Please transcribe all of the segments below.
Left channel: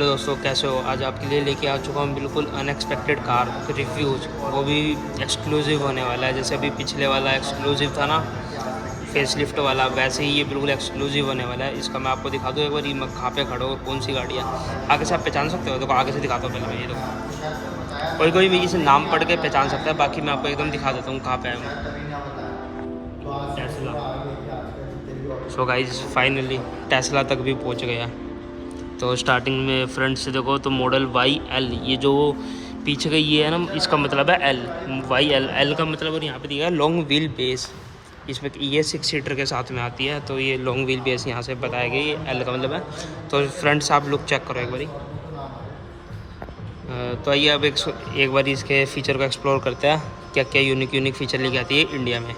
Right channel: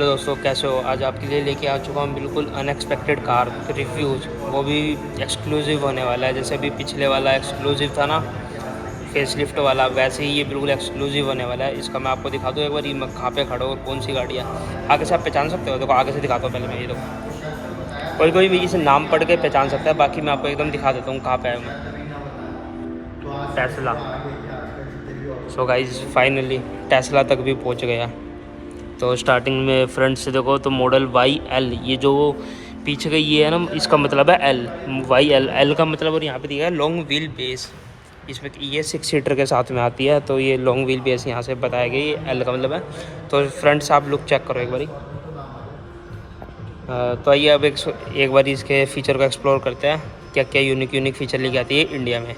Hello दोस्तों, कैसे हो। आज आपके लिए लेके आ चुका हूँ बिल्कुल अनएक्सपेक्टेड कार रिव्यूज़। वो भी एक्सक्लूसिव होने वाला है। जैसे अभी पिछले वाला एक्सक्लूसिव था ना, फेसलिफ्ट वाला, वैसे ही ये बिल्कुल एक्सक्लूसिव होने वाला है। इसका मैं आपको दिखा दूँ एक बार, ये मैं कहाँ पे खड़ा हूँ और कौन सी गाड़ी है। आगे से आप पहचान सकते हो। देखो आगे से दिखाता हूँ पहले मैं, ये देखो। कोई भी इसे नाम पढ़ के पहचान सकता है, बाकी मैं आपको एकदम दिखा देता हूँ कहाँ पे है मैं। Tesla. So guys finally Tesla तक भी पहुँच गया। तो स्टार्टिंग में फ्रंट से देखो तो मॉडल YL, ये जो पीछे का ये है ना, इसका मतलब है L, YL का मतलब। और यहाँ पे दिया है लॉन्ग व्हील बेस। इसमें ये 6 सीटर के साथ में आती है, तो ये लॉन्ग व्हील बेस यहाँ से बताया गई, L का मतलब है। तो फ्रंट से आप लुक चेक करो एक बारी। तो आइए अब एक बार इसके फ़ीचर को एक्सप्लोर करते हैं, क्या क्या यूनिक फ़ीचर लेके आती है इंडिया में।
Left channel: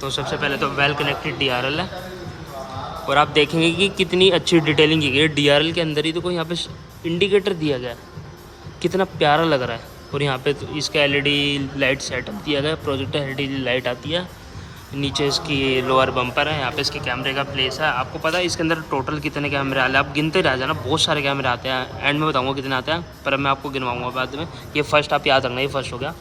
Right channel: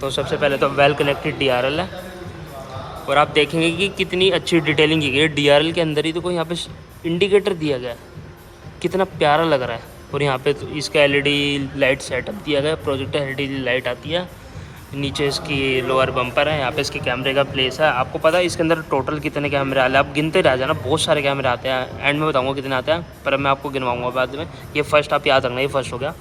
तो सबसे पहले तो वेल कनेक्टेड DRL है। और आप देखेंगे कि कितनी अच्छी डिटेलिंग की गई है DRL के अंदर ही। देखो यहाँ पे इंडिकेटर दिया गया है, कितना प्यारा लग रहा है। और यहाँ पे तो इसका LED लाइट सेटअप दिया गया है, प्रोजेक्टर LED लाइट आती है। नीचे इसकी लोअर बम्पर है, यहाँ पे इसके कैमरे का प्लेस है। आपको पता है इसके अंदर टोटल कितने कैमरे आते हैं, आप गिनते रह जाना, बहुत सारे कैमरे आते हैं। एंड में बताऊँगा कितने आते हैं, पर मैं आपको गिनवाऊँगा बाद में। ये फर्स्ट आप याद रखना, ये फर्स्ट हो गया।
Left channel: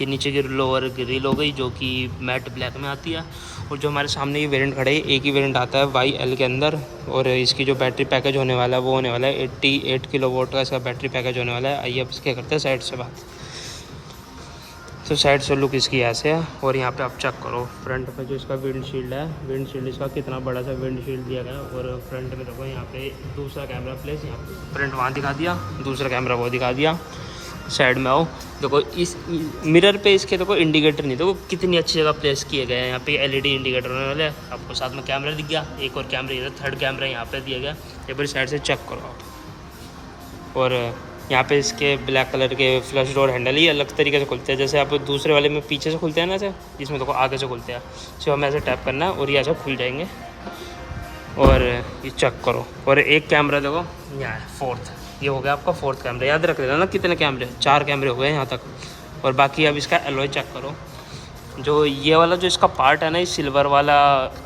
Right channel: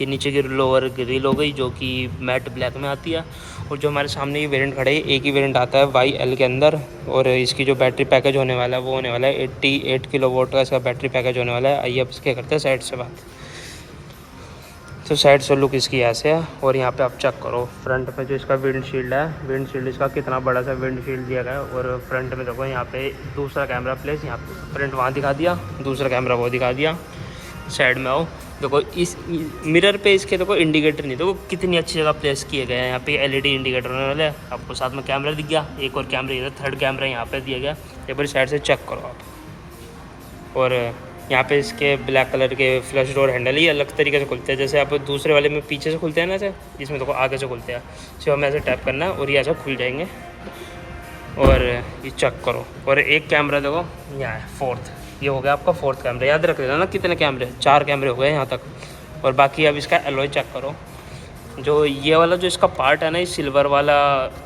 ये नीचे की लोअर ग्रिल हो गई, जो कि मैट ब्लैक में आती है। और जो हमारे सामने ये वेरिएंट खड़े है, एक ही वेरिएंट आता है YL के अंदर। और इसकी जो बैटरी पैकेज होने वाला है वो होने वाला है 88 किलोवाट का इसका बैटरी पैकेज होने वाला है। आइए अब इसके करते हैं साइड से बात। तो साइड से लुक इसकी ऐसे है। और यहाँ पे आप चेक करो फ्रंट में जो इसका विंडशील्ड है, विंडशील्ड इसका कितना बड़ा सा विंडशील्ड दिया गया है। और फ्रंट में देखो यहाँ पे दूसरा कैमरा प्लेस, यहाँ पे फ्रंट वहाँ दिखा दिया, दूसरा कैमरा वो दिखा दिया। साइड में आओ, देखो इस मिरर पे इसके देखो इंडिकेटर नहीं, देखो कितनी अच्छी जगह प्लेस किए गए हैं। यहाँ पे LED इंडिकेटर होने वाले हैं। आपको साथ में कैमरा दिख गया, एक और कैमरा इधर, थर्ड कैमरा यहाँ पे दिया गया। एक बार साइड से चेक करो आप। और यहाँ पे इसके ब्लैक कलर के फ्लश डोर हैंडल ही अलग तरीके से खुलते हैं। जैसे आप दूसरे वाले में पीछे से खुलते हैं ना, ऐसे इसमें देखो आगे से खुलते हैं। सिर्फ हमें ऐसे टैप करना है और ये ऐसे खुल जाएंगे। और ये चेक करो। और एक कैमरा देखो यहाँ है, फोर्थ, ये हो गया आपका फोर्थ कैमरा। याद रख लेना ना कितने कैमरे, 4 कैमरे हो गए यहाँ तक। और बाकी अब इसका एलॉय चेक करो। जो ये वाला जो इसका पार्ट है ना, ये सिल्वर वाला,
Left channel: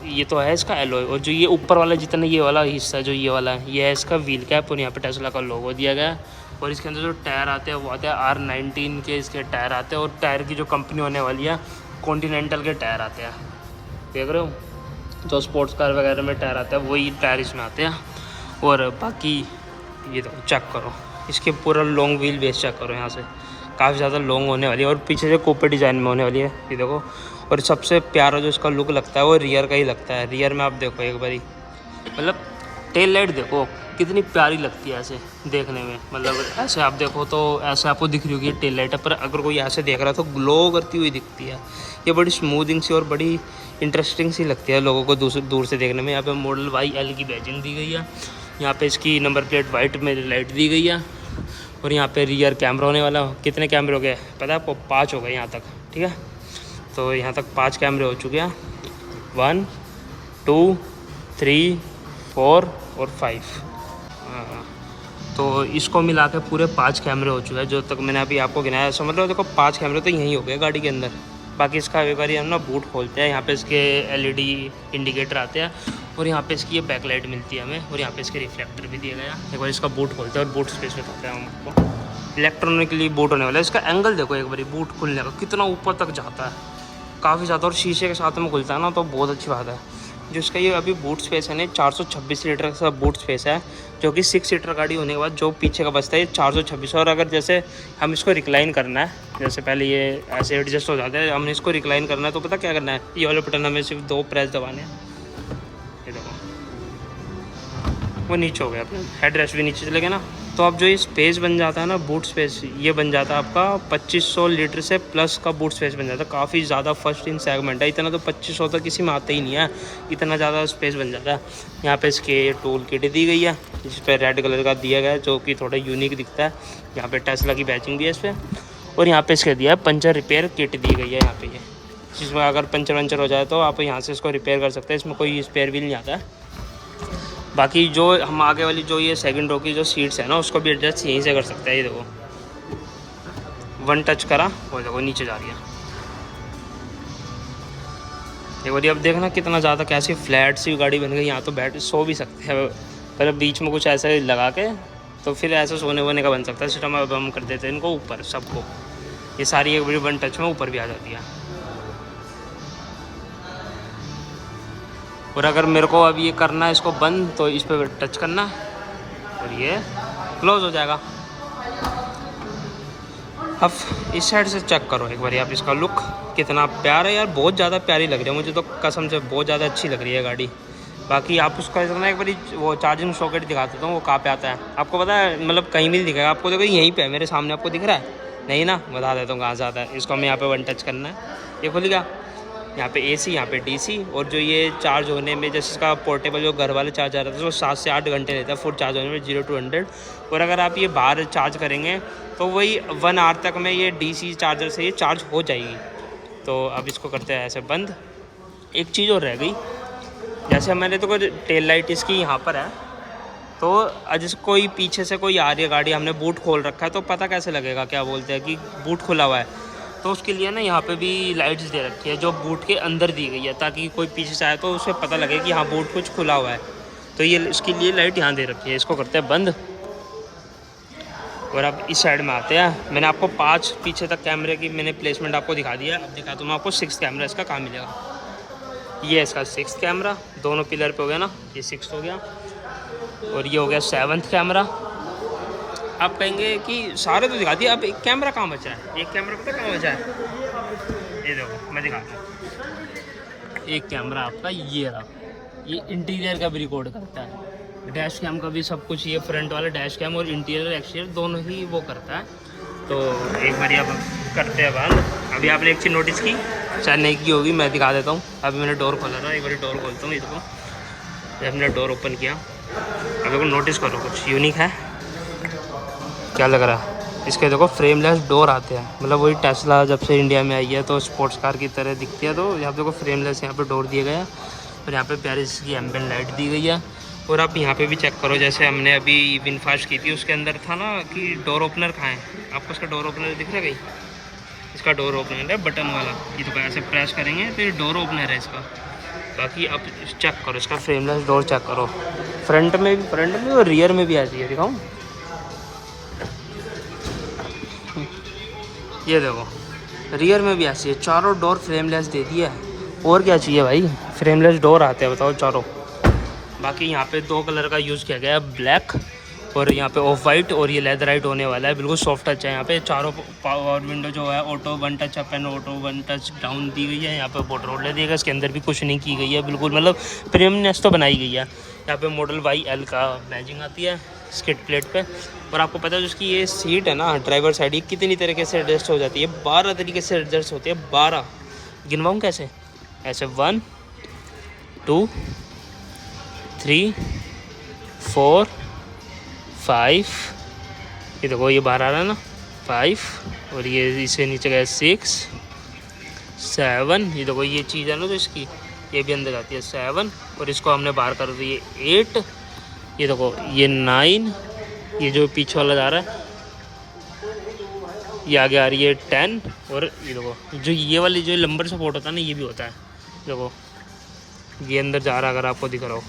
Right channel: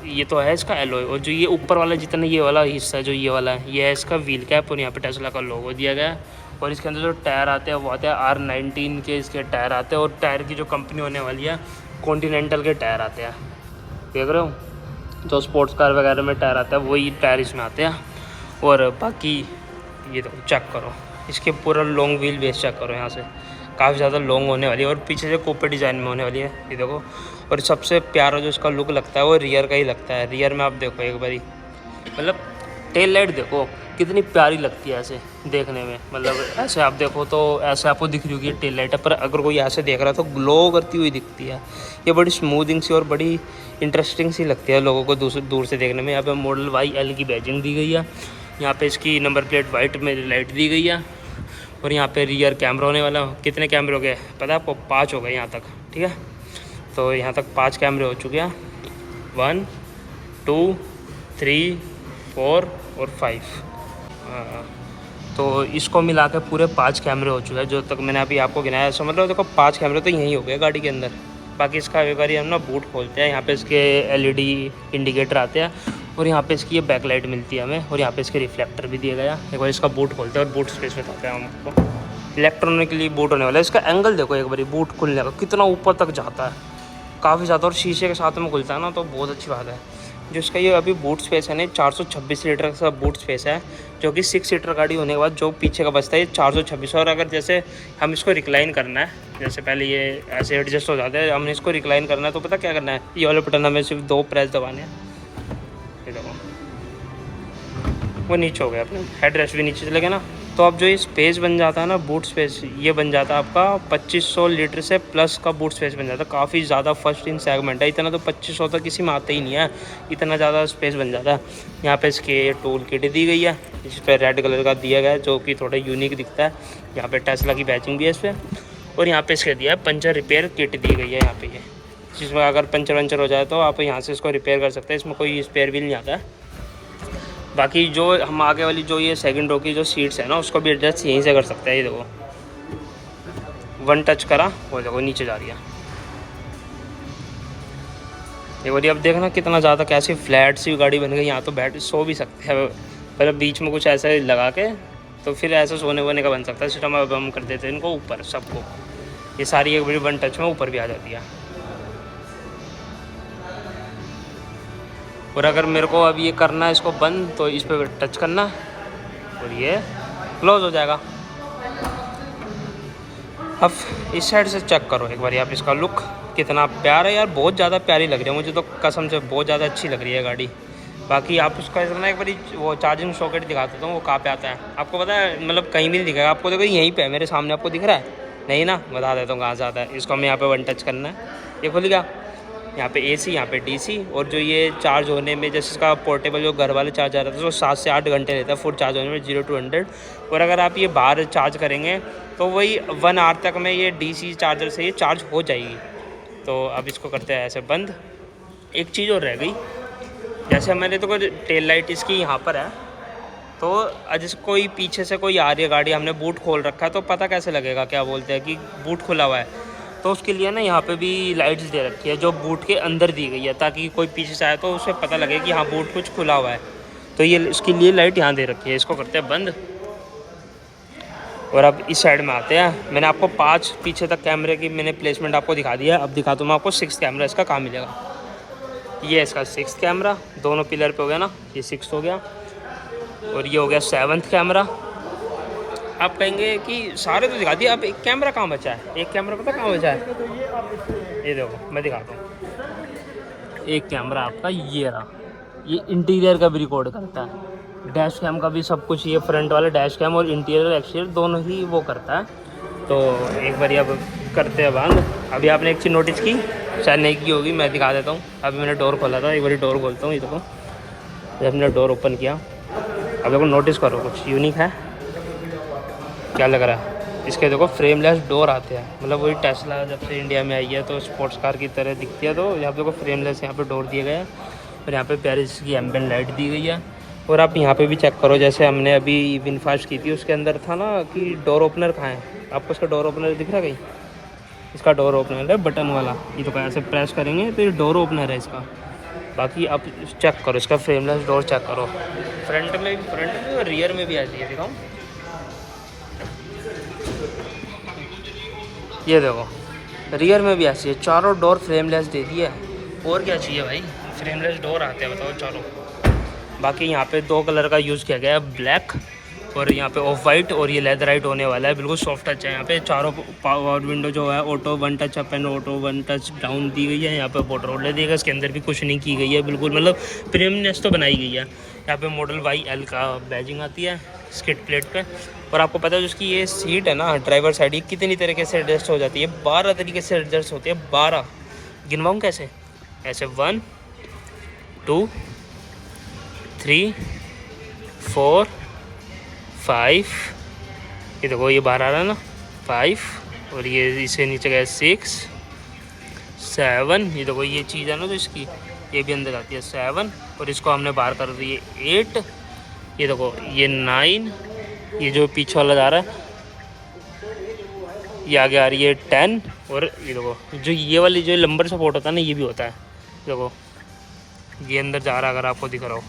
ये तो है इसका एलॉय। और जो ये ऊपर वाला जितना ये वाला हिस्सा जो ये वाला है, ये है इसका व्हील कैप। और यहाँ पे टेस्ला का लोगो दिया गया है। और इसके अंदर जो टायर आते हैं वो आते हैं R19 के इसके टायर आते हैं। और टायर की जो कंपनी होने वाली है, कॉन्टिनेंटल के टायर आते हैं। देख रहे हो, जो स्पोर्ट्स कार वगैरह में टायर आता है वही टायर इसमें आते हैं। और बाकी ये तो चेक करो, इसके पूरा लॉन्ग व्हील बेस चेक करो, यहाँ से काफ़ी ज़्यादा लॉन्ग होने वाली है। और पीछे जो कूपे डिज़ाइन में होने वाली है, ये देखो। और सबसे प्यारा जो इसका लुक लगता है वो रियर का ही लगता है। रियर में आप देखो एक बारी, मतलब टेल लाइट देखो कितनी प्यारी लगती है ऐसे देखने में। मतलब ऐसे आप देखो तो ऐसे आपको दिख रही होगी टेल लाइट है, पर अगर कोई ऐसे देख रहा है तो ग्लो करती हुई दिखती है। ये बड़ी स्मूथिंग सी और बड़ी इंटरेस्टिंग सी लगती है लोगों को दूर से देखने में। यहाँ पे मॉडल YL की बैजिंग दी गई है। यहाँ पे इसकी नंबर प्लेट वाइट में लाइट दी गई है। और यहाँ पे रियर कैमरा होने वाला, कितने कैमरे हो गए पता है आपको, 5 हो गए यहाँ तक, ठीक है। तो यहाँ तक 5 कैमरे हो चुके हैं, 1 2 3 4 और 5। तो इसको मिला के पूरे 5 कैमरे हो चुके हैं जो तक मैंने अभी आपको गिनाया। समझ लो देखो 5 कैमरे तो यहीं हो गए गाड़ी के अंदर। बाकी इसका एक बार हम ना बूट खोलते हैं। यहाँ पे इसके LED इंडिकेटर आते हैं। और यहाँ पे इसकी ये बैकलाइट मिलती है हमें। और यहाँ पे इसके रिफ्लेक्टर भी दिया गया। एक बार इसका बूट खोलते हैं और बूट स्पेस में पाते हैं हमको। इलेक्ट्रॉनिकली बूट होने वाला है। इसका एंगल देखो एक बार, बूट खुलने का कितना ऊपर तक जाता है, काफ़ी ज़्यादा। और शीशे के साथ में खुलता है ना, तो बहुत अच्छी बात है। जो इसका ये अभी बूट स्पेस है ना, 426 लीटर का बूट स्पेस है, जो कि 6 सीटर गाड़ी होने के बाद जो पीछे का बचता है ये 426। और अगर जैसे हम इसको रिक्लाइन करना है, जैसे पहले ये ऐसे एडजस्ट हो जाता है, हमने इसको रिक्लाइन करना है तो पता क्या करना है, ये वाले बटन हमें सिर्फ 2 प्रेस दबाने हैं। ये देखो वो नीचे हो गया, अपने हेड रेस्ट भी नीचे चले गए ना। तो अब जो ये स्पेस बन जाता है ना, बूट स्पेस, ये बन जाता है आपका 2500 लीटर से प्लस का बूट स्पेस बन जाता है। काफ़ी ज़्यादा फर्स्ट इन सेगमेंट है। इतना तो 2500 तक किसी में आता ही नहीं है, इतना ज़्यादा स्पेस बन जाता है। यहाँ पे इसके टूल किट दी गई है, जिस पर रेड कलर का दिया गया है, जो कि थोड़ा यूनिक दिखता है। यहाँ पे टेस्ला की बैचिंग भी है इस पर। और यहाँ पे इसके दिया है पंचर रिपेयर किट दी गई है यहाँ पे, ये जिसमें अगर पंचर वंचर हो जाए तो आप यहाँ से इसको रिपेयर कर सकते हैं। इसमें कोई स्पेयर व्हील नहीं आता है। बाकी जो हम आगे वाली जो ये सेकंड रो की जो सीट्स है ना, उसको भी एडजस्ट यहीं से कर सकते हैं। ये देखो 1 टच करा, वो देखो नीचे जा रही है। ये बोलिए अब देखना कितना ज़्यादा कैसी फ्लैट सी गाड़ी बन गई। यहाँ तो बैठ सो भी सकते हैं, मतलब बीच में कुछ ऐसा लगा के तो फिर ऐसा सोने वोने का बन सकता है सिस्टम। अब हम कर देते हैं इनको ऊपर सबको, ये सारी एक बड़ी वन टच में ऊपर भी आ जाती है। और अगर मेरे को अब ये करना है इसको बंद, तो इस पर टच करना और ये क्लोज हो जाएगा। अब इस साइड से चेक करो एक बार आप इसका लुक कितना प्यारा है यार, बहुत ज़्यादा प्यारी लग रही है मुझे तो कसम से, बहुत ज़्यादा अच्छी लग रही है गाड़ी। बाकी आप उसका ना एक बारी वो चार्जिंग सॉकेट दिखा देता हूँ, वो कहाँ पे आता है आपको पता है, मतलब कहीं भी नहीं दिखेगा आपको, देखो यहीं पे है मेरे सामने, आपको दिख रहा है नहीं ना, बता देता हूँ कहाँ से आता है। इसको हमें यहाँ पे वन टच करना है, ये खुल गया। यहाँ पे AC, यहाँ पे DC, और जो ये चार्ज होने में जैसे इसका पोर्टेबल जो घर वाले चार्जर रहता है वो 7 से 8 घंटे रहता है फुल चार्ज होने में 0 to 100। और अगर आप ये बाहर चार्ज करेंगे तो वही 1 आवर तक में ये DC चार्जर से ये चार्ज हो जाएगी। तो अब इसको करते हैं ऐसे बंद। एक चीज़ और रह गई, जैसे मैंने तो टेल लाइट इसकी यहाँ पर है, तो जैसे कोई पीछे से कोई आ रही है गाड़ी, हमने बूट खोल रखा है तो पता कैसे लगेगा, क्या बोलते हैं कि बूट खुला हुआ है। तो उसके लिए ना यहाँ पे भी लाइट्स दे रखी है जो बूट के अंदर दी गई है, ताकि कोई पीछे से आए तो उसे पता लगे कि हाँ बूट कुछ खुला हुआ है। तो ये इसके लिए लाइट यहाँ दे रखी है। इसको करते हैं बंद। और अब इस साइड में आते हैं। मैंने आपको 5 पीछे तक कैमरे की मैंने प्लेसमेंट आपको दिखा दिया है। अब दिखा दूँ मैं आपको 6 कैमरा इसका कहाँ मिलेगा। ये इसका 6 कैमरा, दोनों पिलर पे हो गया ना, ये 6 हो गया। और ये हो गया 7th कैमरा। आप कहेंगे कि सारे तो दिखा दिए, अब एक कैमरा कहाँ बचा है, एक कैमरा पता कहाँ बचा है, ये देखो मैं दिखाता हूँ। एक कैमरा आपका ये रहा, ये इंटीरियर का भी रिकॉर्ड करता है, डैश कैम का भी सब कुछ, ये फ्रंट वाला डैश कैम और इंटीरियर एक्सटीरियर दोनों ही वो करता है। तो एक बार अब करते हैं बंद। अभी आपने एक चीज़ नोटिस की, शायद नहीं की होगी, मैं दिखा देता हूँ। अभी मैंने डोर खोला था, एक बार डोर खोलता हूँ, ये देखो जब मैंने डोर ओपन किया, अब देखो नोटिस करो कुछ यूनिक है, क्या लग रहा है इसके, देखो फ्रेमलेस डोर आते हैं, मतलब वही टेस्ला जब से इंडिया में आई है तो स्पोर्ट्स कार की तरह दिखती है। तो यहाँ पे देखो फ्रेमलेस यहाँ पे डोर दिया गया है, और यहाँ पे प्यारी इसकी एम्बिएंट लाइट दी गई है। और आप यहाँ पे भी चेक करो, जैसे हमने अभी विनफास्ट की थी उसके अंदर था ना कि डोर ओपनर कहाँ है, आपको इसका डोर ओपनर दिख रहा है कहीं, इसका डोर ओपनर है बटन वाला, ये तो ऐसे प्रेस करेंगे तो ये डोर ओपनर है इसका। बाकी आप चेक करो इसका फ्रेमलेस डोर चेक करो, फ्रंट में और रियर में भी आती है, दिखाऊँ ये देखो रियर में भी ऐसी है, चारों डोर फ्रेमलेस दे दिया है। और क्या चाहिए भाई, फ्रेमलेस डोर आते हैं बताओ चारों। बाकी यहाँ पे 2 कलर का यूज़ किया गया है, ब्लैक और यहाँ पे ऑफ वाइट, और ये लेदराइट होने वाला है, बिल्कुल सॉफ्ट टच है। यहाँ पे चारों पावर विंडो जो है auto 1 touch up and auto 1 touch down the गई है। यहाँ पे मोटर रोलर दी गई, इसके अंदर भी कुछ नहीं की गई है, बिल्कुल मतलब प्रीमियमनेस तो बनाई गई है। यहाँ पे मॉडल YL का बैजिंग आती है स्किड प्लेट पे। और आपको पता है जिसकी ये सीट है ना ड्राइवर साइड, ये कितनी तरीके से एडजस्ट हो जाती है, 12 तरीके से एडजस्ट होती है, 12 गिनवाऊँ कैसे, ऐसे 1 2 3 4 5, ये देखो ये 12 आ रहा है ना 5, और ये इससे नीचे गया 6 7, ये देखो ये चीज़ है ना तो इसकी ये भी अंदर आती है 7, और इसको हमने बाहर कर दी है 8, ये देखो ये 9, ये जो पीछे वाला जा रहा है ये आगे आ रही है 10, और ये देखो जो ये वाली जो लंबर सपोर्ट होता है ना ये भी होता है, देखो ये अंदर जा रहा है अगर आपको दिख रहा हो,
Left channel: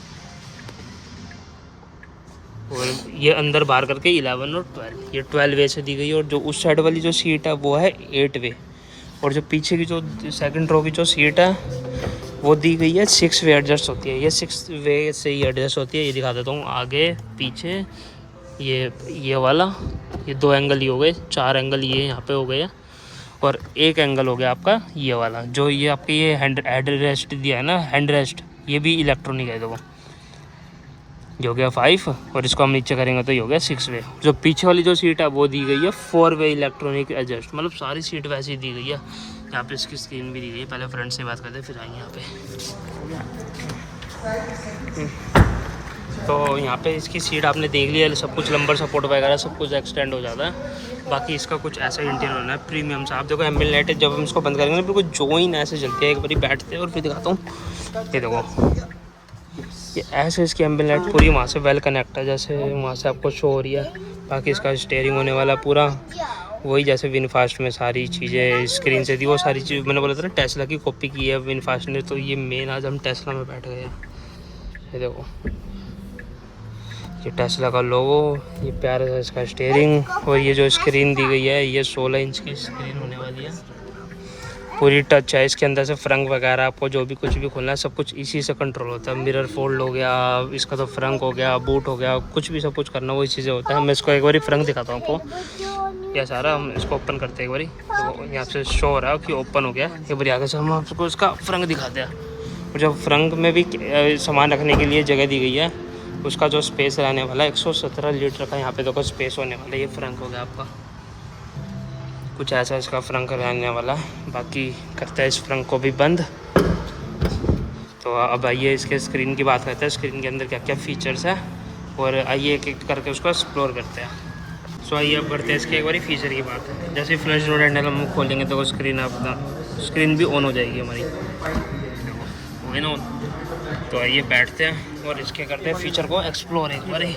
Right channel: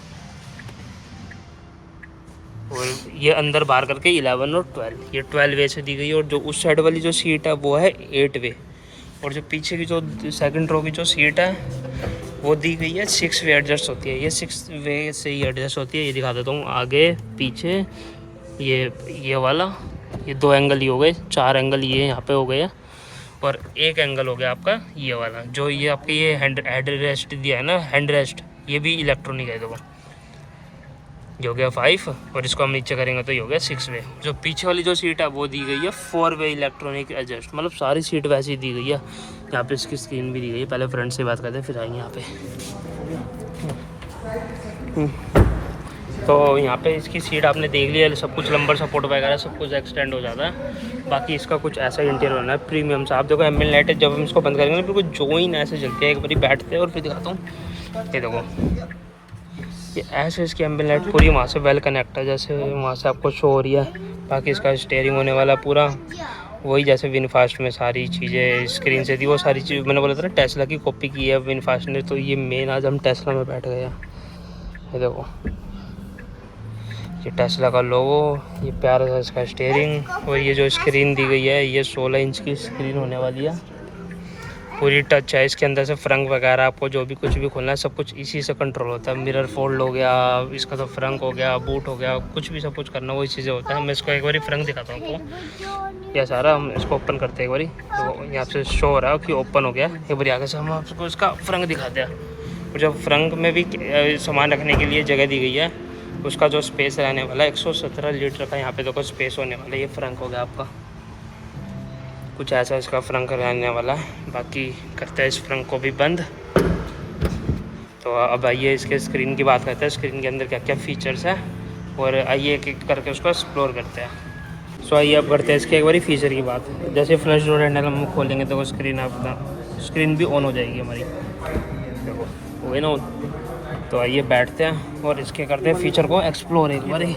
और ये अंदर बाहर करके 11 और 12, ये 12 वे से दी गई है। और जो उस साइड वाली जो सीट है वो है 8 वे, और जो पीछे की जो सेकंड रो की जो सीट है वो दी गई है 6 वे एडजस्ट होती है, ये 6 वे से ही एडजस्ट होती है। ये दिखा देता हूँ आगे पीछे, ये वाला, ये 2 एंगल ही हो गए, 4 एंगल ये यहाँ पे हो गए, और 1 एंगल हो गया आपका ये वाला, जो ये आपके ये हेड रेस्ट दिया है ना, हैंड रेस्ट, ये भी इलेक्ट्रॉनिक है। देखो ये हो गया 5, और इसको हम नीचे करेंगे तो ये हो गया 6 वे। जो पीछे वाली जो सीट है वो दी गई है 4 वे इलेक्ट्रॉनिक एडजस्ट, मतलब सारी सीट वैसी दी गई है। यहाँ पे इसकी स्क्रीन भी दी गई है। पहले फ्रंट से बात करते हैं फिर आएंगे यहाँ पे। तो यहाँ पे इसकी सीट आपने देख लिया, सब कुछ लंबर सपोर्ट वगैरह सब कुछ एक्सटेंड हो जाता है। बाकी इसका कुछ ऐसा इंटीरियर होना है प्रीमियम सा। आप देखो एम्बिएंट लाइट जब हम इसको बंद करेंगे ना बिल्कुल जोइन ऐसे चलती है, एक बारी बैठते हैं और फिर दिखाता हूँ। ये देखो ये ऐसे इसकी एम्बिएंट लाइट पूरी वहाँ से वेल कनेक्ट है, जैसे वहाँ से आपको शो हो रही है। बाकी इसका स्टीयरिंग होने वाला पूरा वही जैसे विनफास्ट में सारी चीज़ें स्क्रीन से थी, वो सारी चीज़ मैंने बोला था ना टेस्ला की कॉपी की है विनफास्ट ने। तो ये मेन आज हम टेस्ला में बैठ गए हैं। ये देखो ये टेस्ला का लोगो, ये प्यारा सा इसका स्टीयरिंग, और ये जो स्क्रीन दी गई है ये 16 इंच की स्क्रीन होने वाली है। पूरी टच है इसके अंदर से। फ्रंक वगैरह आपको जो भी कुछ भी खोलना है सब कुछ इसी से कंट्रोल होता है। मिरर फोल्ड हो गया, इसका तो फ्रंक हो गया, बूट हो गया, कुछ भी सब कुछ करना वही चीज़ें होता है। मैं इसको एक बार फ्रंक दिखाता हूँ आपको। यह सारा हम इसको ओपन करते हैं एक बारी, तो यहाँ से शो हो रहा है कि ओपन हो गया। एक बार आगे से हम आपको इसका फ्रंक दिखाते हैं। और जब फ्रंक में भी सामान रखने के लिए जगह दी गई है, उसका जो स्पेस रहने वाला है 117 लीटर का यहाँ पे देखो स्पेस होने वाला है। ये फ्रंक हो गया आपका, कुछ ऐसा इसका फ्रंक रहने वाला है। बाकी करते हैं इस फ्रंक को भी बंद। तो अब आइए इसके स्क्रीन की बात करते हैं, स्क्रीन के अंदर क्या क्या फीचर्स है, और आइए एक एक करके उसको एक्सप्लोर करते हैं। सो आइए अब करते हैं इसके एक बारी फीचर की बात। जैसे फ्लश डोर हैंडल हम खोलेंगे तो वो स्क्रीन अपना स्क्रीन भी ऑन हो जाएगी हमारी, देखो हो गई ना ऑन। तो आइए बैठते हैं और इसके करते हैं फीचर को एक्सप्लोर एक बारी।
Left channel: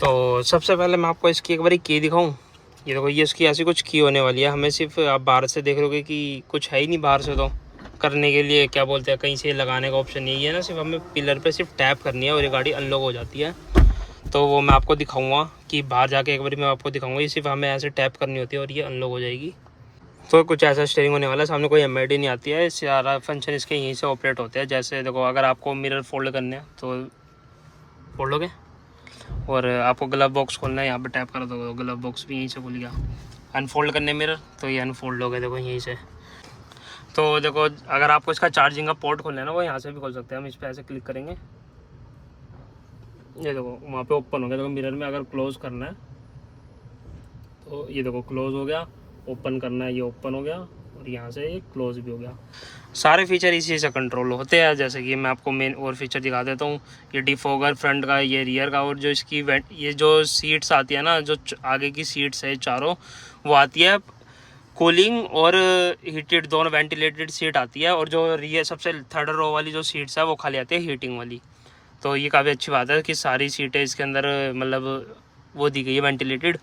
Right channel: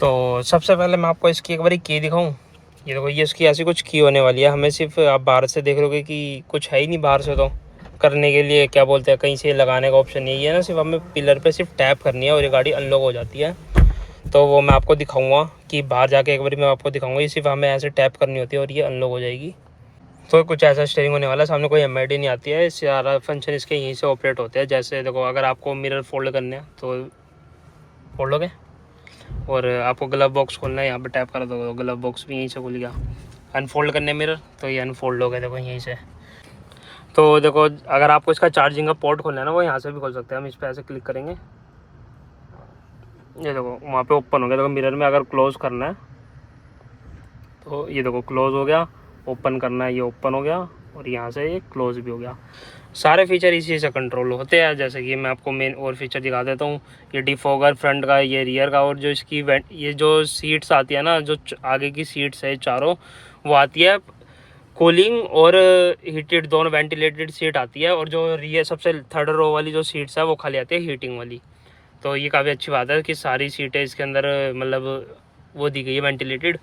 तो सबसे पहले मैं आपको इसकी एक बारी की दिखाऊँ। ये देखो, ये इसकी ऐसी कुछ की होने वाली है। हमें सिर्फ आप बाहर से देख लोगे कि कुछ है ही नहीं बाहर से, तो करने के लिए क्या बोलते हैं, कहीं से लगाने का ऑप्शन यही है ना, सिर्फ हमें पिलर पे सिर्फ टैप करनी है और ये गाड़ी अनलॉक हो जाती है। तो वो मैं आपको दिखाऊंगा कि बाहर जाके एक बार मैं आपको दिखाऊंगा। ये सिर्फ हमें ऐसे टैप करनी होती है और ये अनलॉक हो जाएगी। तो कुछ ऐसा स्टीयरिंग होने वाला है। सामने कोई एमआईडी नहीं आती है, सारा फंक्शन इसके यहीं से ऑपरेट होते हैं। जैसे देखो, अगर आपको मिरर फोल्ड करने हैं तो फोल्ड लोगे, और आपको ग्लव बॉक्स खोलना है, यहाँ पे टैप कर दो, ग्लव बॉक्स भी यहीं से खुल गया। अनफोल्ड करने मिरर तो ये अनफोल्ड हो गया, देखो यहीं से। तो देखो, अगर आपको इसका चार्जिंग का पोर्ट खोलना है ना, वो यहाँ से भी खोल सकते हैं। हम इस पर ऐसे क्लिक करेंगे, ये देखो वहाँ पे ओपन हो गया। देखो मिरर में अगर क्लोज़ करना है तो ये देखो क्लोज़ हो गया, ओपन करना है ये ओपन हो गया, और यहाँ से ये क्लोज़ भी हो गया। सारे फीचर इसी से कंट्रोल होते हैं। जैसे कि मैं आपको मेन और फीचर दिखा देता हूँ। ये डिफॉगर फ्रंट का, ये रियर का, और जो इसकी ये जो सीट्स आती है ना, जो आगे की सीट्स है चारों, वो आती है कूलिंग और हीटेड, दोनों वेंटिलेटेड सीट आती है। और जो रियर सबसे थर्ड रो वाली जो सीट्स है वो खाली आती है हीटिंग वाली। तो ये काफ़ी अच्छी बात है कि सारी सीटें इसके अंदर मतलब वो दी गई है वेंटिलेटेड।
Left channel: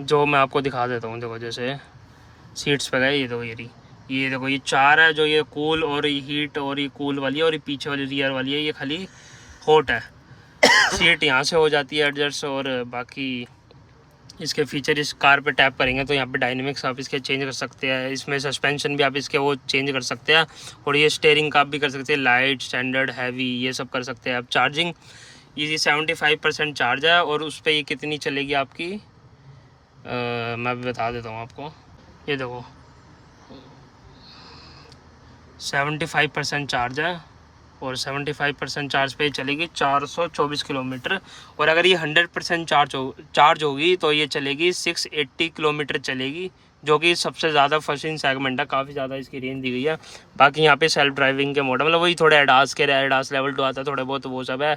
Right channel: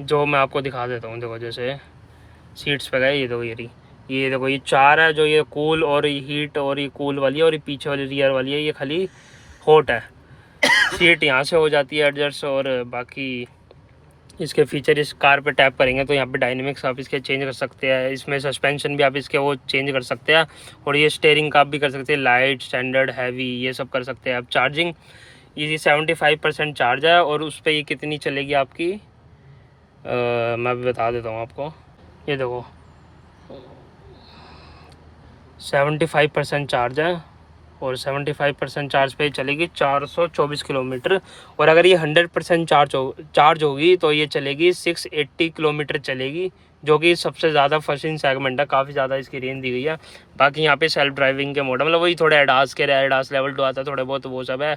जो मैं आपको दिखा देता हूँ, देखो जैसे सीट्स पे गए, ये देखो ये देखो ये चार है, जो ये कूल और ये हीट और ये कूल वाली है, और ये पीछे वाली रियर वाली है ये खाली हॉट है। सीट यहाँ से हो जाती है एडजस्ट। और बाकी इसके फीचर, इस कार पे टैप करेंगे तो यहाँ पे डायनेमिक्स आप इसके चेंज कर सकते हैं। इसमें सस्पेंशन भी आप इसके वो चेंज कर सकते हैं, और ये स्टीयरिंग का आप भी कर सकते हैं, लाइट, स्टैंडर्ड, हैवी, ये सब कर सकते हैं आप। चार्जिंग ये 75% चार्ज है, और उस पर ये कितनी चलेगी आपकी मैं भी बता देता हूँ आपको। ये देखो 75% चार्ज है, और 75% चार्ज पे चलेगी 424 किलोमीटर। और अगर ये 100% चार्ज होगी तो ये चलेगी 680 किलोमीटर चलेगी, जो कि सबसे ज़्यादा फर्स्ट इन सेगमेंट है। काफ़ी ज़्यादा इसकी रेंज दी गई है। बाकी यहाँ पे सेल्फ ड्राइविंग के मॉडल, मतलब वही थोड़े एडास लेवल 2 आता है, थोड़े बहुत वो सब है।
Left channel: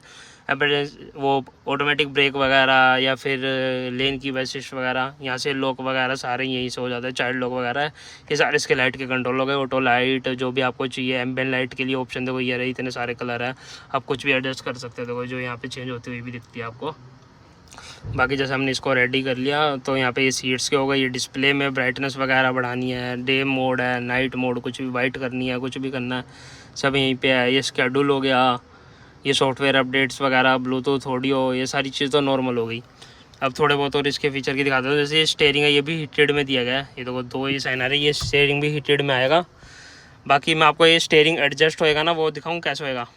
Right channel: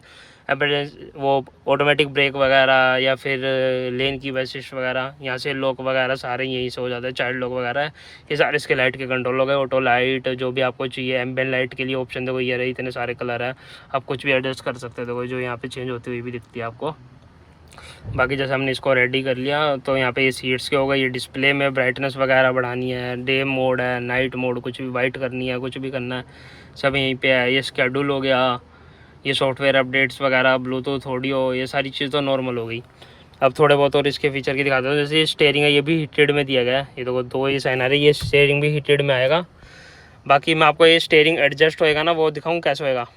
वो ऑटोमेटिक ब्रेक वगैरह, या फिर लेन की असिस्ट वगैरह, यहाँ से लॉक वगैरह सारे यहीं से हो जाता है। चाइल्ड लॉक वगैरह है, ये सारे इसके लाइट के कंट्रोल हो गए। ऑटो लाइट, जो भी आपको चाहिए, एम्बिएंट लाइट के लिए ऑप्शन देखो ये रही, इतने सारे कलर है, आप कुछ भी एडजस्ट कर सकते हो। देखो जो यहाँ पे चेंज होती हुई भी दिखती है आपको। बाकी जैसे हमने इसको रेडी कर लिया, तो यहाँ पे ये सीट्स के हो गए। ये डिस्प्ले में ब्राइटनेस वगैरह बढ़ानी है, डे मोड है, नाइट मोड, कुछ भी वाइट करनी है, कुछ भी करना है, सब यहीं पे है। ये शेड्यूल हो गया, ये सॉफ्टवेयर अपडेट्स वगैरह, ब्लूटूथ, ऑडियो, ये सारी चीज़ तो नॉर्मल हो गई। अब थोड़े बहुत और इसके फीचर की दिखाते हैं। जैसे ये स्टीयरिंग है, ये भी हीटेड में दिया गया है। ये देखो दो ये साइन आ रही है, ये स्टीयरिंग भी हीटेड में आएगा। बाकी मैं आपको ये स्टीयरिंग एडजस्ट होएगा ना, वो दिखाऊँ कैसे होएगा।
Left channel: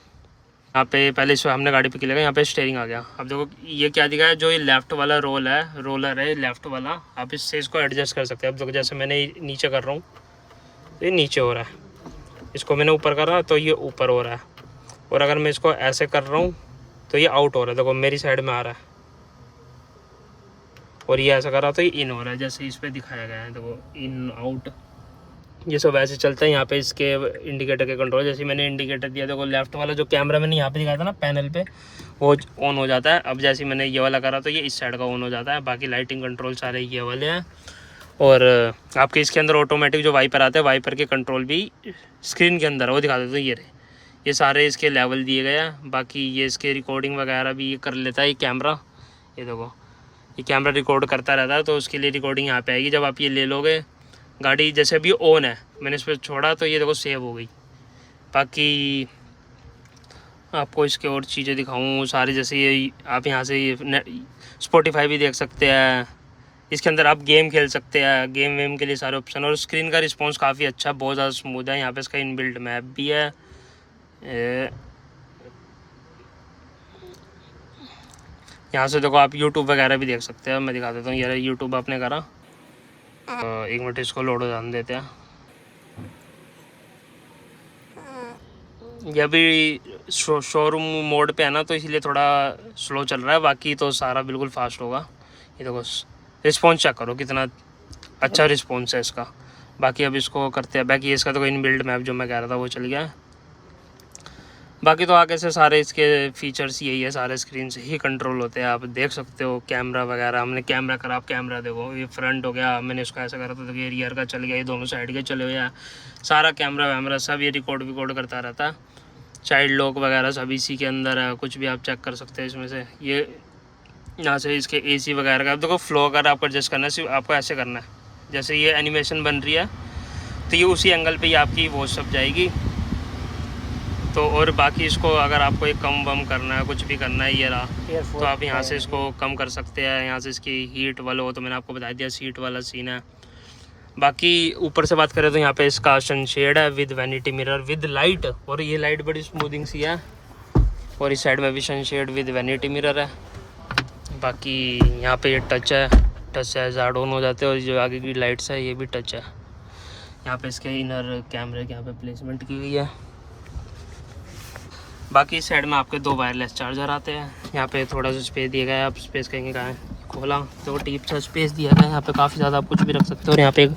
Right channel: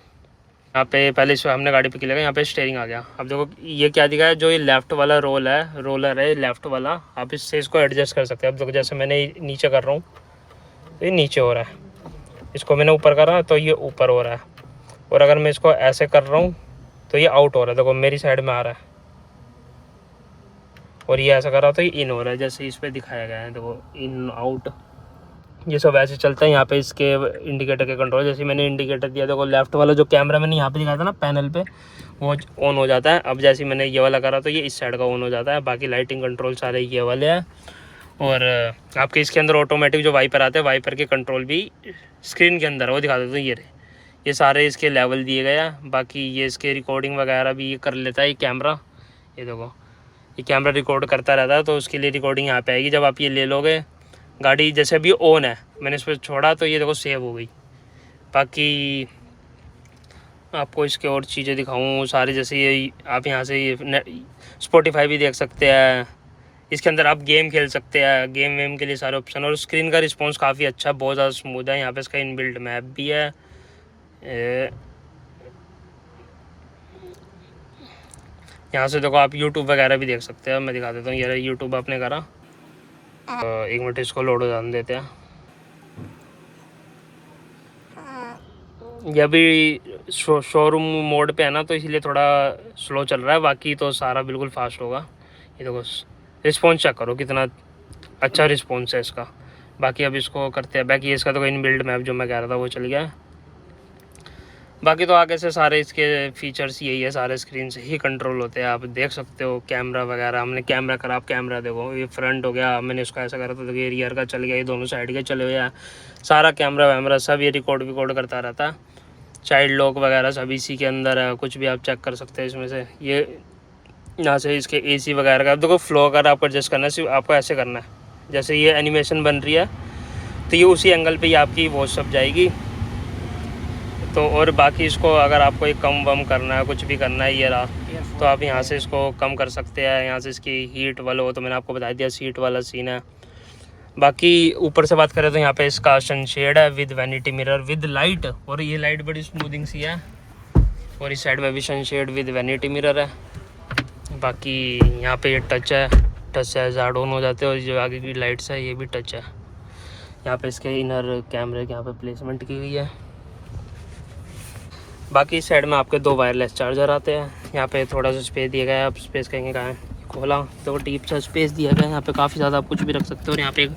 यहाँ पे पहले इस हमने गाड़ी पे क्लिक किया, यहाँ पे स्टीयरिंग आ गया। अब देखो ये क्या दिखा है, जो ये लेफ़्ट वाला रोलर है लेफ़्ट वाला, आप इससे इसको एडजस्ट कर सकते हैं। अब देखो जैसे मैंने नीचे कर रहा हूँ तो ये नीचे हो रहा है, इसको मैंने ऊपर कर रहा तो ये ऊपर हो रहा है, और अगर मैं इसको ऐसे कर रहा हूँ तो ये आउट हो रहा है। देखो मेरी साइड में आ रहा है, और ये ऐसा कर रहा तो ये इन हो रहा है, जैसे इस पर दिखाया गया है। देखो इन आउट ये सब ऐसे चलता है। यहाँ पे इसके इंडिकेटर के कंट्रोल, जैसे मैंने इंडिकेटर दिया, देखो लेफ्ट वाला जो कैमरा मैंने यहाँ पे दिखाया था ना पैनल पे, वो ऑन हो जाता है। अब जैसे मैंने ये वाला करा तो ये इस साइड का ऑन हो जाता है। बाकी लाइटिंग कंट्रोल सारे ये वाले हैं। और आपके इसके अंदर ऑटोमेटिक जो वाइपर आते हैं, वाइपर के कंट्रोल भी स्क्रीन के अंदर वो दिखा देते हैं। ये रहे, ये सारे इसके लेवल दिए गए हैं। बाकी ये इसके रिकॉर्डिंग वगैरह भी ये कर लेता है ये कैमरा। ये देखो ये कैमरा रिकॉर्ड करता रहता है, तो उसके लिए रिकॉर्डिंग यहाँ पे आएगी। जब आप ये ले लोगे, गाड़ी जैसे अभी ऑन है, मैंने इस पर छोड़ा तो ये देखो सेव हो गई। बाकी आपको इसके और चीज़ें दिखाऊँ सारी, जैसे ये आप यहाँ से ये स्पॉटिफाई भी देख सकते हैं। इसके अंदर आप गेम खेल सकते हैं, गेम वेम के लिए सारे ऑप्शन। और स्क्रीन का रिस्पॉन्स काफ़ी अच्छा, बहुत ज़्यादा स्मूथ है। यहाँ पे इसका इनबिल्ट मैप भी है। यहाँ से देखो आप यूट्यूब वगैरह भी देख सकते हैं। मैं दिखा देता हूँ, ये यूट्यूब आपने करा। 1 मिनट इसको लोड हो जाने देते हैं। ये अभी शोरूम मोड पे है ना, तो इसलिए थोड़ा स्लो चल रहा है, बाकी तो सारा बिल्कुल फास्ट होगा। ये देखो रिस्पॉन्स चेक करो, कितना अच्छा रिस्पॉन्स है इसका। बाकी अब इसको करते हैं। बाकी इसका तो इनबिल्ट मैप जो मैं कह रहा था वो चल गया। बाकी तो आगे से सारे इसके फीचर्स यही है, सारे स्क्रीन से ही कंट्रोल होते हैं। आप देख सकते हो कैमरा वगैरह, हमने कैमरा करा, आप कैमरा देखो, ये फ्रंट हो गया, मैंने इसको ऐसा करा तो ये रियर का चल गया, ये दोनों साइड के चले हुए हैं। सारा कैमरा वैमरा सब ये रिकॉर्ड करता रहता है। चाइल्ड लॉक वगैरह सब इसी के अंदर है, कुछ भी आप चेक कर सकते हैं इसमें से। ये यहाँ से इसके AC वगैरह का, अब देखो फ्लो अगर आपको एडजस्ट करना है, सिर्फ आपको ऐसे करना है, जैसे ये एनिमेशन बन रही है तो ये उसी एंगल पे ही आपकी वॉच सब जाएगी। तो और बाकी इसको अगर आपको एक कम वम करना है, कुछ भी करना है, ये रहा, तो आप यहाँ से इसको कम कर सकते हैं। यहाँ से इसकी हीट वाला हो तो मैंने आपको बता दिया, सीट वाला सीन है। बाकी ऊपर से बात करें तो यहाँ पे इसका सनशेड है with vanity mirror with light, और ये लाइट बड़ी स्मूथिंग सी है। और इस साइड में भी सनशेड विद वैनिटी मिरर है। बाकी यहाँ पे ये टच है, ज़ाड ऑन हो जाते हैं। और जो आगे की लाइट्स है ये भी टच है। यहाँ पे इसके इनर कैमरे की यहाँ पे प्लेसमेंट की हुई है। बाकी इस साइड में आपके 2 वायरलेस चार्जर आते हैं। यहाँ पे थोड़ा सा स्पेस दिया गया है, आप स्पेस कहेंगे कहाँ है, खोला तो टीप सा स्पेस दिया गया है। यहाँ पे काफ़ी ज़्यादा आप कुछ भी रख सकते हो। और यहाँ पे एक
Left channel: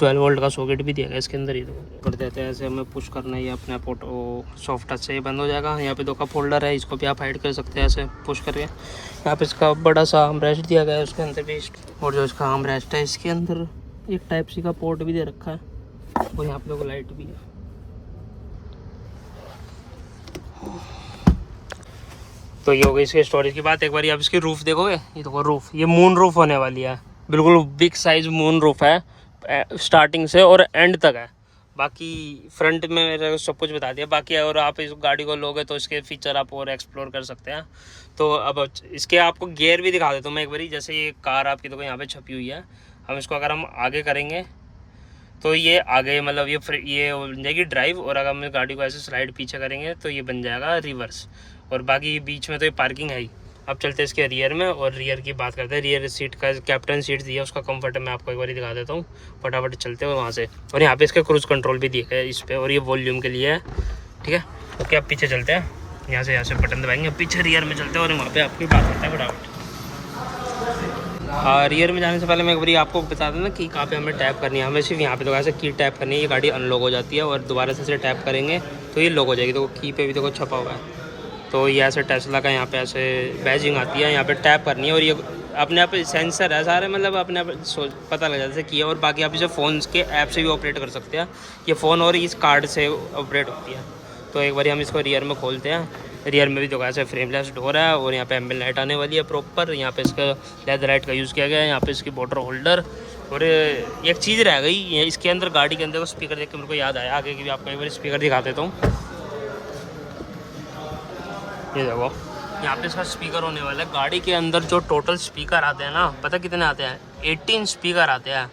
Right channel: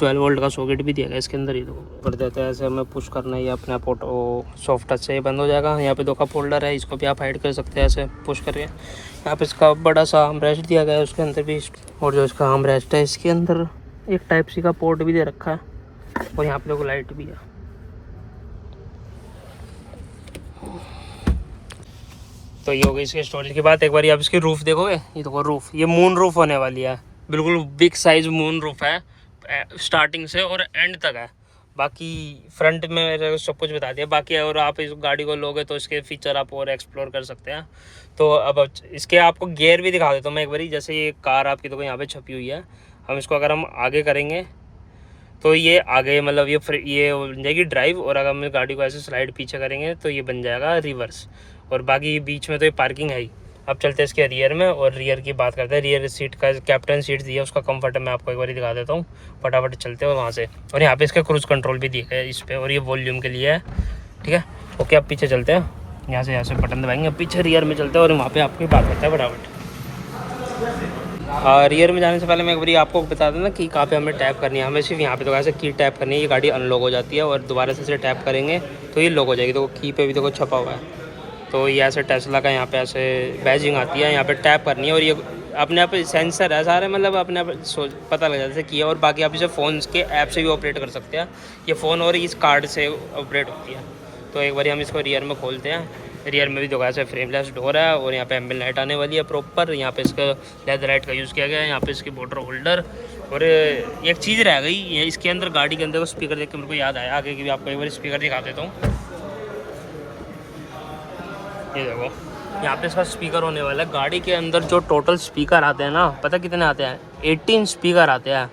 12 वोल्ट का सॉकेट भी दिया गया है इसके अंदर ही। तो कर देते हैं ऐसे, हमें पुश करना है, ये अपने आप ऑटो सॉफ्ट टच से ये बंद हो जाएगा। यहाँ पे 2 कप होल्डर है, इसको भी आप हाइड कर सकते हैं ऐसे पुश करके। यहाँ पे इसका बड़ा सा आर्म रेस्ट दिया गया है उसके अंदर भी। और जो इसका आर्म रेस्ट है इसके अंदर एक टाइप सी का पोर्ट भी दे रखा है। और यहाँ पे देखो लाइट भी है। तो ये हो गई इसके स्टोरेज की बात। एक बार आप इसकी रूफ़ देखोगे, ये देखो रूफ़, ये मून रूफ़ होने वाली है, बिल्कुल बिग साइज़ मून रूफ़ है, स्टार्टिंग से और एंड तक है। बाकी फ्रंट में मेरे सब कुछ बता दिया। बाकी और आप इस गाड़ी को लोगे तो इसके फीचर आप और एक्सप्लोर कर सकते हैं। तो अब इसके आपको गियर भी दिखा देता हूँ मैं एक बारी। जैसे ये कार आपकी देखो यहाँ पे छपी हुई है, हम इसको अगर हम आगे करेंगे तो ये आगे मतलब ये बन जाएगी ड्राइव। और अगर हम गाड़ी को ऐसे स्लाइड पीछे करेंगे तो ये बन जाएगा रिवर्स। और बाकी बीच में तो ये पार्किंग है ही। अब चलते हैं इसके रियर में, और रियर की बात करते हैं। रियर सीट का कैप्टन सीट दिया, उसका कंफर्ट मैं आपको एक बार दिखा देता हूँ। फटाफट चलते हैं और वहाँ से। और यहाँ पे इसका क्रूज़ कंट्रोल भी दिया है इस पर, और ये वॉल्यूम के लिए है, ठीक है। ओके, अब पीछे चलते हैं। यहाँ से बटन दबाएंगे, पीछे रियर में चलते हैं और वहाँ पर आपकी बात करते हैं फटाफट। रियर में जाने से पहले मैं एक बार आपको बता दूँ ना कि कहाँ पे हमें टैप करनी है। हमें सिर्फ यहाँ पे तो ऐसे की टैप करनी है, ये गाड़ी अनलॉक हो जाती है। और दोबारा से इसे टैप करेंगे तो ये लॉक हो जाएगी। तो की पे भी देखो छपा हुआ है। तो ये ऐसे टेस्ला का यहाँ पे ऐसे बैजिंग आती है, यहाँ पे टैप करनी है। और ये अपने आप सेंसर है सारे, मतलब अपने आप पता लग जाता है कि है। और बाकी आप इसे फ़ोन के ऐप से भी ऑपरेट कर सकते हैं। ये फ़ोन और इस कार्ड से ऑपरेट होती है। तो एक बार हम इसको रियर में खोलते हैं। रियर में भी देखो ऐसे फ्रेमलेस डोर है, और यहाँ पे एम्बिएंट लाइट आने वाली है प्रॉपर। यहाँ पे इसका लेदर लाइट का यूज़ किया गया है। यहाँ पे इसकी वाटर होल्डर। और एक चीज़ रह गई इसके अंदर, गाड़ी के अंदर वो स्पीकर देख के मेरे को याद आया, आगे की भी आपको एक बार स्पीकर दिखा देता हूँ। ये देखो यहाँ पे इसका स्पीकर होने वाला है। गाड़ी के अंदर जो टोटल स्पीकर आते हैं ना, पता कितने आते हैं? 18 स्पीकर आते हैं।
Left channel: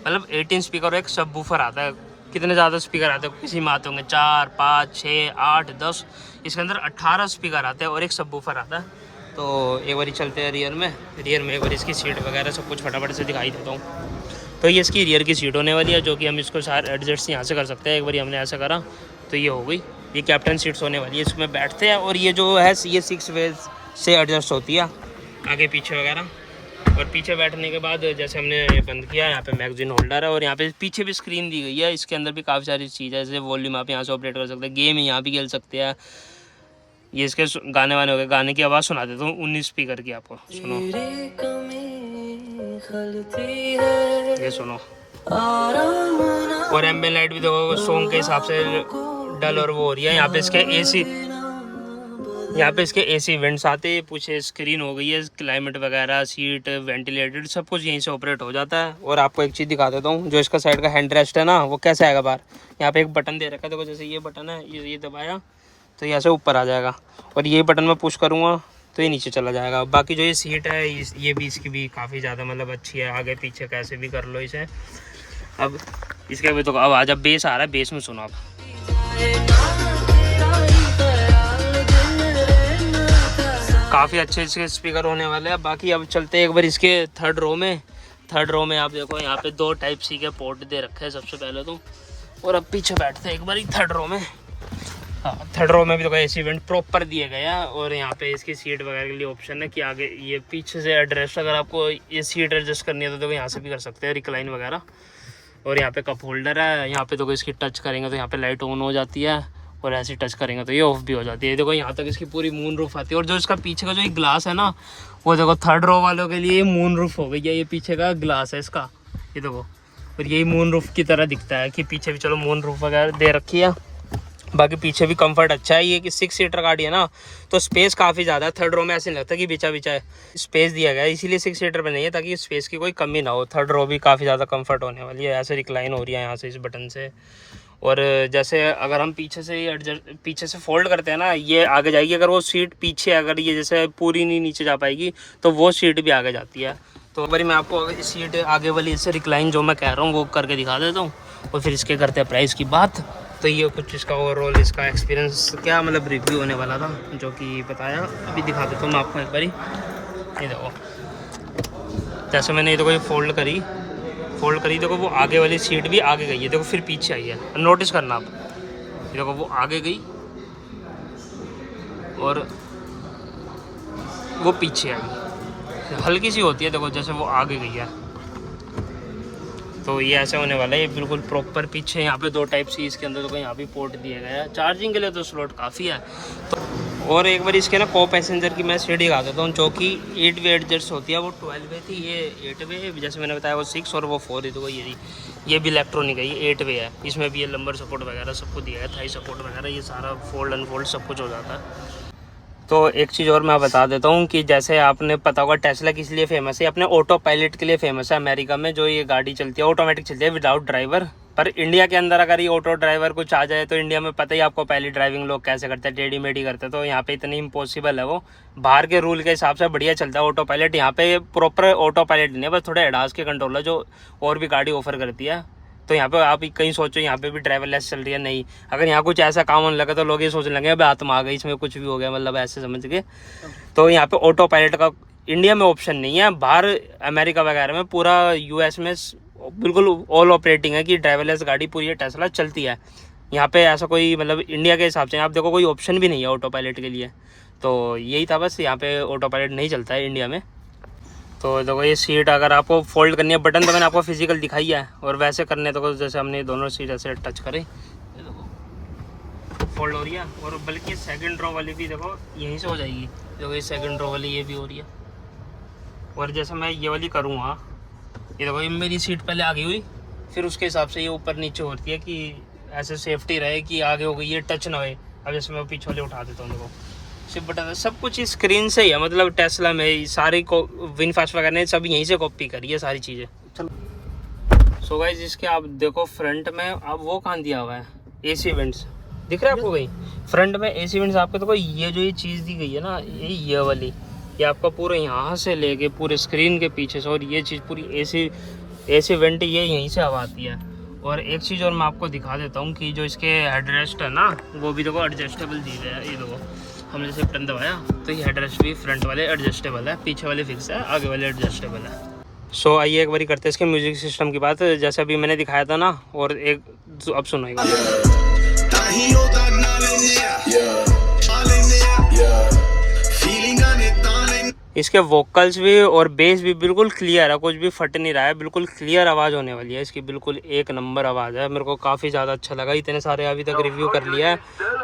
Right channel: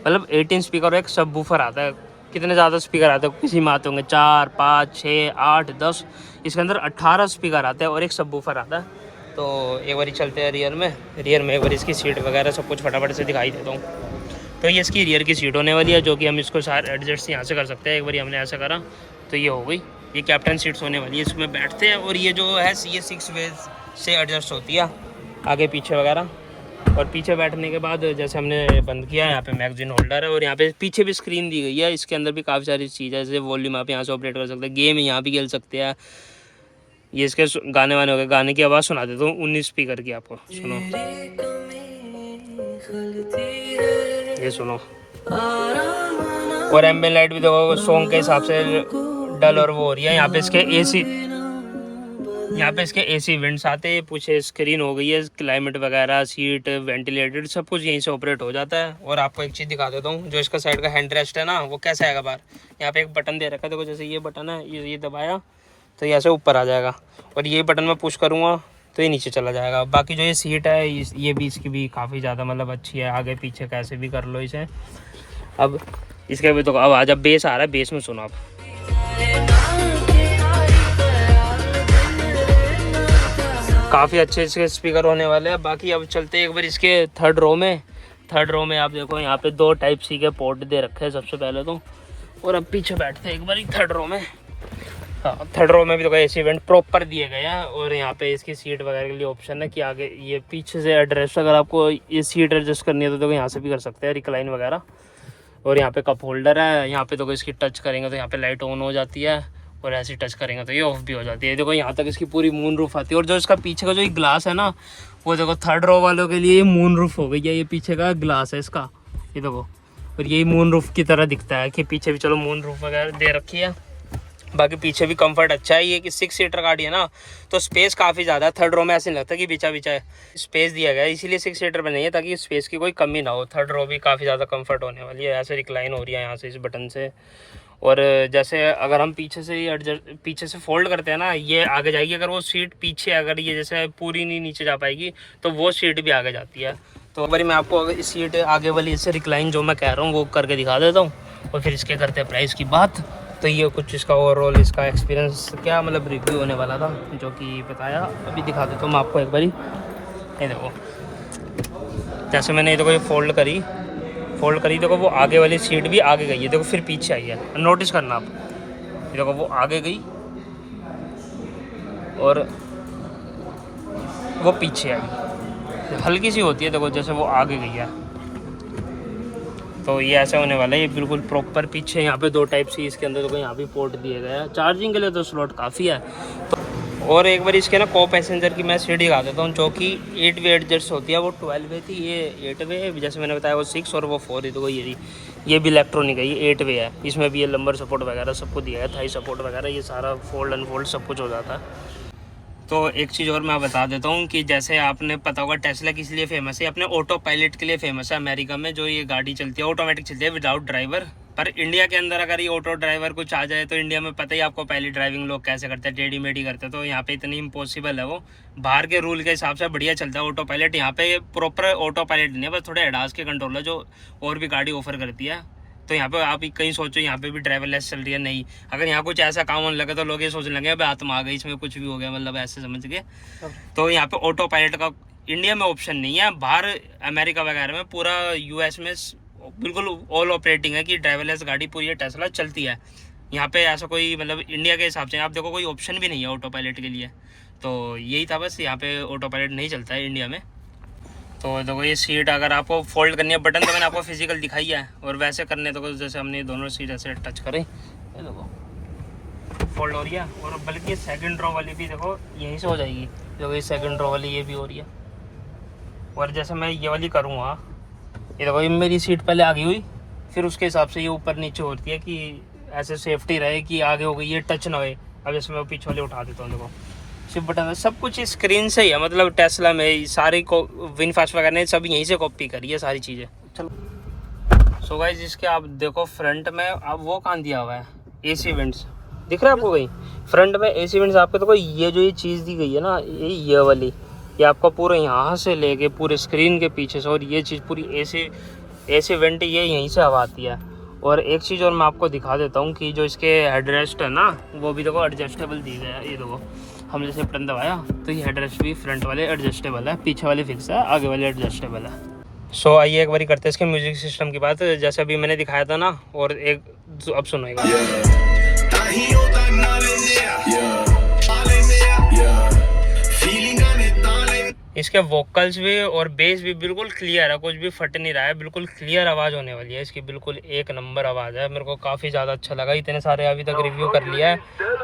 मतलब 18 स्पीकर और एक सबवूफर आता है। कितने ज़्यादा स्पीकर आते हैं किसी में आते होंगे 4, 5, 6, 8, 10। इसके अंदर 18 स्पीकर आते हैं और एक सबवूफर आता है। तो एक बार चलते हैं रियर में एक बार इसकी सीट वगैरह सब कुछ फटाफट से दिखाई देता हूँ। तो ये इसकी रियर की सीट होने वाली है, जो कि हम इसको सारे एडजस्ट यहाँ से कर सकते हैं। एक बार हमने ऐसा करा तो ये हो गई। ये कैप्टन सीट्स होने वाली है, इसमें बैठते हैं। और ये जो है ये 6 वेज से एडजस्ट होती है, आगे पीछे वगैरह। और पीछे बैठने के बाद जैसे हमने बंद किया, यहाँ पे मैगजीन होल्डर है। और यहाँ पे पीछे भी स्क्रीन दी गई है। इसके अंदर भी काफ़ी सारी चीज़ है, जैसे वॉल्यूम आप यहाँ से ऑपरेट कर सकते हैं, गेम यहाँ भी खेल सकते हैं। ये इसके गाने वाने हो गए, गाने की आवाज़ सुना देता हूँ 19 स्पीकर की, आपको सुनो, ये सुनो। और एम्बिएंट लाइट भी देखो सॉन्ग के हिसाब से डल और वो हो रही है। यहाँ पे इसके एसी वेंट्स आते हैं। पीछे स्क्रीन हो गई है, क्लाइमेट वगैरह, सीट, वेंटिलेटेड, सब कुछ यहीं से ऑपरेट हो जाता है। और आपको एक चीज़ दिखा देता हूँ, जो इसका साइड का हैंड रेस्ट है ना, वो कैसा आएगा बाहर। यहाँ पे एक बटन दे रखा है, देखो जैसे ये बटन है, ये दबाया तो ये ऐसे ऊपर आ जाएगा, और ये बटन मैं पुश करूँगा तो ये नीचे चला जाएगा। बाकी जो ये सीट है ये भी इसकी भी काफ़ी ज़्यादा मतलब अच्छी है, आगे पीछे कैसे भी कर लो इसे। अब इसके भी तो अब आ जा बेस आ रहा है, बेस में सुनो आप। काफ़ी अच्छे इसके स्पीकर होने वाले हैं। बाकी अब चलते हैं एक बार इसके थर्ड रो में। थर्ड रो में आप देखो यहाँ पे 2 टाइप सी के पोर्ट दे रखे हैं सबसे पहले तो, और अब पीछे बैठते हैं एक बार थर्ड रो में। हाँ, थर्ड रो में भी तो एसी वेंट प्रॉपर दिए गए हैं, और यहाँ पे इसकी सीट वगैरह के लिए ऑप्शन है कि आगे ये पीछे से एड्रेस, अगर आपको ये सीट एडजस्ट करनी है तो देखो यहाँ से भी कर सकते हैं, रिक्लाइन वगैरह। और यहाँ पे कप होल्डर है, यहाँ पे तो इसकी टच करेंगे तो यहाँ पे लाइट ऑन हो जाती है, और ऐसे टच करेंगे तो ये ऑफ भी हो जाती है। देखो यहाँ तक इसकी पूरी मून रूफ आती है, और जो इसका पीछे का जो एक ग्लास है ना, वो देखो थर्ड रो वालों के लिए मून रूफ हो गई है। ये पीछे का ग्लास है इसका, ये देखो, और यही मून रूफ की तरह दिखता है कि पीछे भी चलो मून रूफ वगैरह दे रखी है। बाकी पीछे भी कंफर्ट अच्छा है। ये कि 6 सीटर गाड़ी है ना, तो स्पेस काफ़ी ज़्यादा है। थर्ड रो में ऐसे नहीं लगता कि बिचा बिचा है, स्पेस दिया गया है, इसीलिए 6 सीटर पे नहीं है ताकि स्पेस की कोई कमी ना हो। थर्ड रो भी काफ़ी ज़्यादा कंफर्ट होने वाली है। ऐसे रिक्लाइन हो रही है यहाँ से इस बटन से, और जैसे अगर हम पीछे से एडजस्ट पीछे से फोल्ड करते हैं ना, ये आगे जाएगी। अगर वो सीट पीछे अगर ये जैसे पूरी नहीं नीचे जा पाएगी तो वो सीट भी आगे जाती है। तो एक बार मैं आपको अगर इस सीट आगे वाली इससे रिक्लाइन जो मैं कह रहा हूँ वो करके दिखा देता हूँ, और फिर इसके करते हैं प्राइस की बात। तो ये कुछ इसका ओवरऑल इसका एक्सपीरियंस क्या मतलब रिव्यू होने वाला था जो कि बताया, अभी दिखा देता हूँ मैं आपको एक बारी। ये देखो जैसे मैंने ये देखो ये फोल्ड करी देखो वो आगे वाली सीट भी आगे गई है, देखो फिर पीछे आई है। नोटिस करना आप, देखो वो आगे गई और वो पीछे आई, हल्की सी होती है देखो जैसे वो आगे गई है। तो ये ऐसा होने वाला है, ये बिल्कुल प्रॉपर पीछे। यहाँ पे 2 टाइप सी इसके अंदर तो यहाँ भी पोर्ट दिए गए हैं। चार्जिंग के लिए तो स्लॉट काफ़ी है। तो और एक बार इसके ना को पैसेंजर की मैं सीट दिखा देता हूँ, जो कि 8 वे एडजस्ट होती है। वो 12 वे थी, ये 8 वे, जैसे मैंने बताया वो 6 और वो 4 है। तो ये भी इलेक्ट्रॉनिक है, ये 8 वे है। इसमें भी ये लंबर सपोर्ट वगैरह सब कुछ दिया है, थाई सपोर्ट वगैरह, ये सारा फोल्ड अनफोल्ड सब कुछ हो जाता है। तो एक चीज़ और मैं बता देता हूँ कि जैसे आपने पता होगा टेस्ला किस लिए फेमस है, अपने ऑटो पायलट के लिए फेमस है। अमेरिका में जो ये गाड़ी चलती है ऑटोमेटिक चलती है विदाउट ड्राइवर। पर इंडिया के अंदर अगर ये ऑटो ड्राइवर कुछ आ जाए तो इंडिया में पता ही आपको पहली ड्राइविंग लोग कैसे करते हैं, टेढ़ी मेढ़ी करते हैं। तो यहाँ पे इतनी इम्पॉसिबल है वो, बाहर के रूल के हिसाब से बढ़िया चलता है ऑटो पायलट। यहाँ पे प्रॉपर ऑटो पायलट नहीं है, बस थोड़े एडास के कंट्रोलर जो और भी गाड़ी ऑफर करती है। तो यहाँ पे आप कहीं सोचो यहाँ पे भी ड्राइवरलेस चल रही है, नहीं। अगर यहाँ कुछ ऐसा काम होने लगा तो लोग ये सोचने लगे अब आत्मा आ गई, इसमें कुछ भी हो गया, मतलब ऐसे समझ के। तो यहाँ पे ऑटो पायलट का इंडिया में ऑप्शन नहीं है। बाहर अमेरिका वगैरह में पूरा यूएस में बिल्कुल ऑल ऑपरेटिंग है कि ड्राइवरलेस गाड़ी पूरी टेस्ला चलती है। यहाँ पे ऐसा कोई मतलब इंडिया के हिसाब से आप देखो कोई ऑप्शन भी नहीं है ऑटो पायलट के लिए। तो यही था बस, यहाँ पे ऑटो पायलट नहीं चलता है इंडिया में। तो देखो ये सीट अगर आपको फोल्ड करनी है, बटन तो मैंने आपको फिजिकल दिखाई है, और वैसे करने तो जैसे हमने दोनों सीट ऐसे टच करें ये देखो फोल्ड हो रही है। और बल्कि सेकंड रो वाली भी देखो यहीं से हो जाएगी, देखो ये सेकंड रो वाली ये भी हो रही है। और जैसे मैं ये वाली करूँगा, ये देखो ये मेरी सीट पहले आगे हुई, फिर उसके हिसाब से ये ऊपर नीचे होती है कि ऐसे सेफ्टी रहे कि आगे हो गई ये टच ना हो। अब जैसे मैं पीछे वाले उठा देता हूँ, देखो सिर्फ बटन, सब कुछ स्क्रीन से ही है। मतलब टेस्ला में सारी को विनफास्ट वगैरह ने सब यहीं से कॉपी करी है सारी चीज़ें। चलो सो गाइस इसके आप देखो फ्रंट में अब वो कहाँ दिया हुआ है, एसी वेंट्स दिख रहा है आपको? वही फ्रंट में एसी वेंट्स आपको देखो, ये जो ये चीज़ दी गई है ना, ये वाली, ये आपको पूरे यहाँ से लेके पूरे स्क्रीन के पीछे से, और ये चीज़ पूरी एसी वेंट ये यहीं से हवा आती है। और एक चीज़ और मैं आपको दिखा देता हूँ कि जो इसके हेडरेस्ट है ना, वो भी देखो एडजस्टेबल दी गई है। ये देखो हमने जैसे बटन दबाया तो ये हेडरेस्ट भी फ्रंट वाले एडजस्टेबल है, पीछे वाले फिक्स है, आगे वाले एडजस्टेबल है। सो आइए एक बार करते हैं इसके म्यूजिक सिस्टम की बात। जैसे अभी मैंने दिखाया था ना, और एक अब सुनो एक बार। इसके वोकल्स भी और बेस भी बिल्कुल क्लियर है, कुछ भी फट नहीं रहा है, बिल्कुल क्लियर आवाज़ होने वाली है इसकी, बिल्कुल एक नंबर आवाज़ है। मेरे को काफ़ी ज़्यादा अच्छा लगा। इतने सारे अभी तक रिव्यू कर लिया है,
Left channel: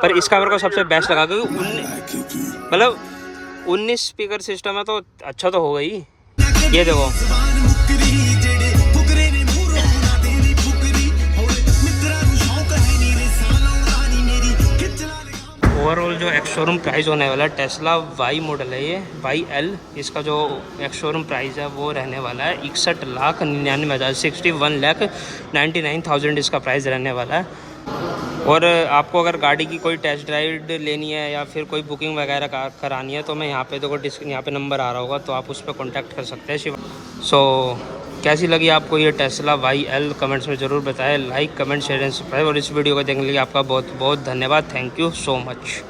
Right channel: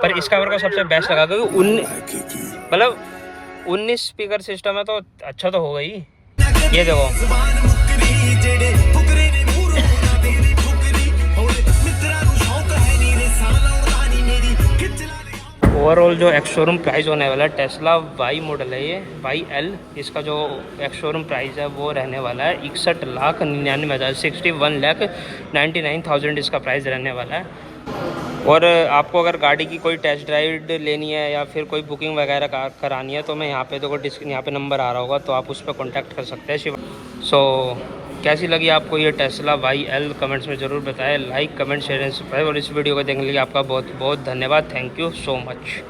पर इसका मेरे को सबसे बेस्ट लगा क्योंकि 19 स्पीकर सिस्टम है तो अच्छा तो होगा ही। ये देखो ओवरऑल जो एक्स शोरूम प्राइस होने वाला है, टेस्ला वाई मॉडल है ये, YL, इसका जो एक्स शोरूम प्राइस है वो रहने वाला है 61,99,000, 61,99,000 इसका प्राइस रहने वाला है। और आपको अगर गाड़ी की कोई टेस्ट ड्राइव लेनी है या फिर कोई बुकिंग वगैरह करानी है तो मैं यहाँ पे देखो यहाँ पे नंबर आ रहा होगा, तो आप उस पर कॉन्टैक्ट कर सकते हैं शिवा। सो कैसी लगी आपको ये टेस्ला YL कमेंट्स में ज़रूर बताएं। Like comment share and subscribe, और इस वीडियो को देखने के लिए आपका बहुत बहुत धन्यवाद। Thank you so much.